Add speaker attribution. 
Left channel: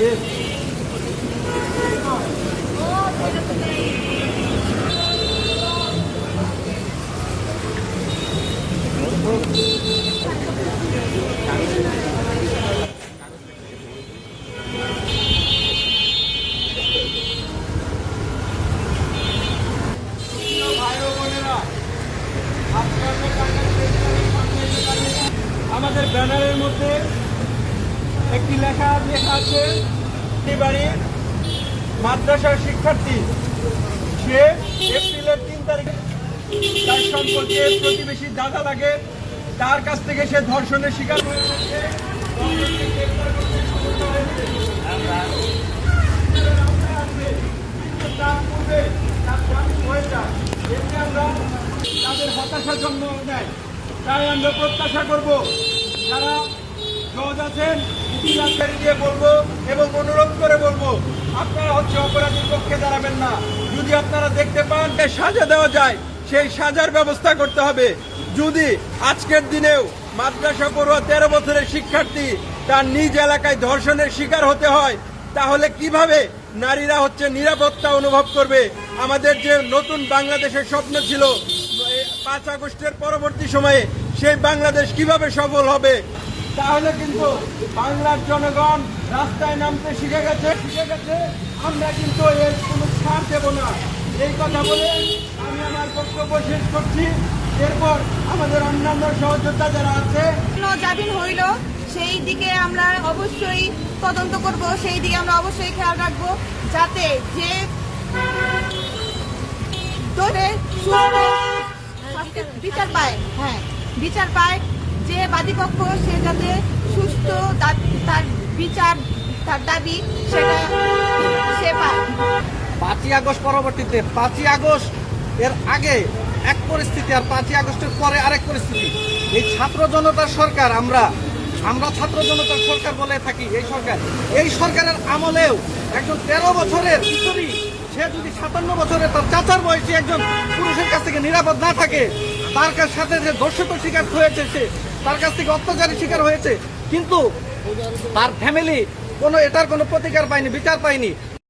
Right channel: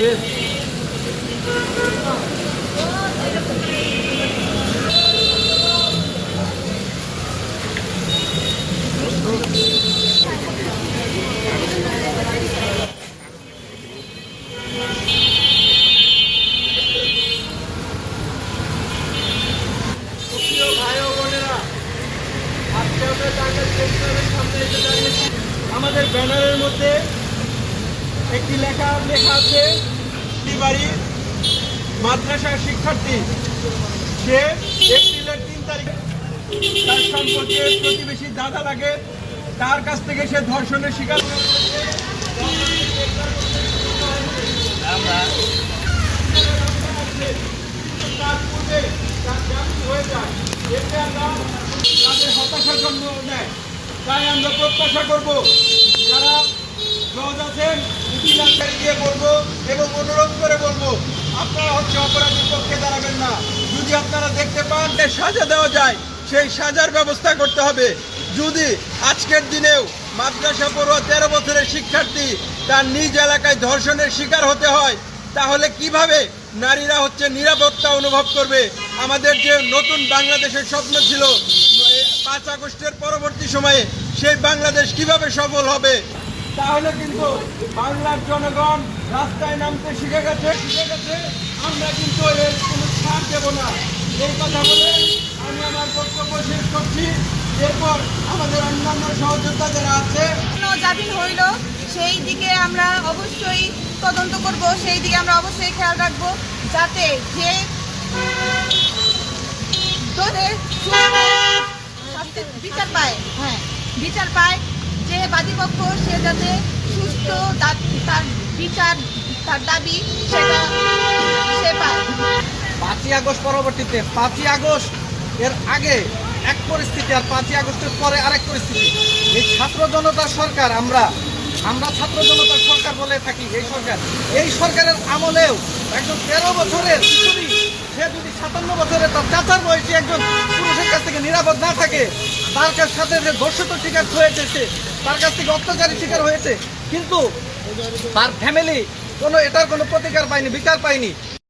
Speaker 1: দাঁড়িয়েছি। আমাদের ব্যানারের মধ্যে একটি লেখা লেখা আছে বাড়ি, মাদ্রাসার শিক্ষার্থী। সে এপ্রিলের তিন তারিখে তার সম্পর্কে প্রতিবেশী দাদা লাগে। তার কাছ থেকে সে ধর্ষণের শিকার তার তার হয়ে যায়। তাদের হতাশা জন্ম নেয়। তাই আমরা প্রত্যাশা করব, যারা দিয়ে বলব এবং অনুরোধ করে বলব, আপনারা হচ্ছে অপরাধীর পক্ষে দাঁড়াবেন না। যদি আপনারা দেখতে পান যে সাজা দেওয়া যায়, সেই সাজার ব্যবস্থা করতে হবে। যদি আজকের দিনেও মাদ্রাসা পড়ুয়া তেরো বছরের শিক্ষার্থী তার নিজ এলাকায় ধর্ষণের শিকার হতে হয়, তাহলে কীভাবে নারীরা হচ্ছে নিরাপত্তা অনুভব করবে? আমাদের যে নতুন বাংলাদেশের স্বপ্ন ছিল পাঁচ আগস্টের পরবর্তী সময়ে সেই বাংলাদেশ কীভাবে সফল হবে? তাহলে কিন্তু বাংলার জনগণ রাস্তায় নামতে শিখে গেছে। শিখে গেছে আমরা কিন্তু এর কোনো ছাড় দেব না। এই কথা বলে আমি আমার বক্তব্য শেষ করছি। এরপর আমাদের অন্যান্য সহযোদ্ধা যারা আছে
Speaker 2: জামিন হইল, সেই দিকে আমরা অবশ্যই তদন্ত করব, সেই দিকে আমরা অবশ্যই খেয়াল রাখব, যাতে যে বিচার পায় হ্যাঁ বিচার পায় যে বাদীপক্ষ সে যাতে সুস্থ তার বিচার, তার দাবি সে
Speaker 3: পাঁচই আগস্ট পরবর্তীতে, পাঁচই আগস্ট এর আগে এক পরিস্থিতি আর পাঁচই আগস্টের পরে আরেক পরিস্থিতি। এই ছাত্র জনতার সরকার আমরা আমরা ছাত্র জনতার সরকার বলে থাকি এই সরকার। এই সরকারের আমলেও একজন তেরো বছরের কিশোরী সে যদি সাতান্ন বছরের তার চাচার বয়সী একজন পুরুষের কাছ থেকে নিরাপদ না থাকে, তার সাথে যে ধর্ষিত শিকার হয়েছে সে তার কাছ থেকে অত্যাচারের শিকার হয়েছে। কিন্তু তার ফ্যামিলি কোনো এটার কোনো প্রতিকার পায়নি, বিচার পায়নি।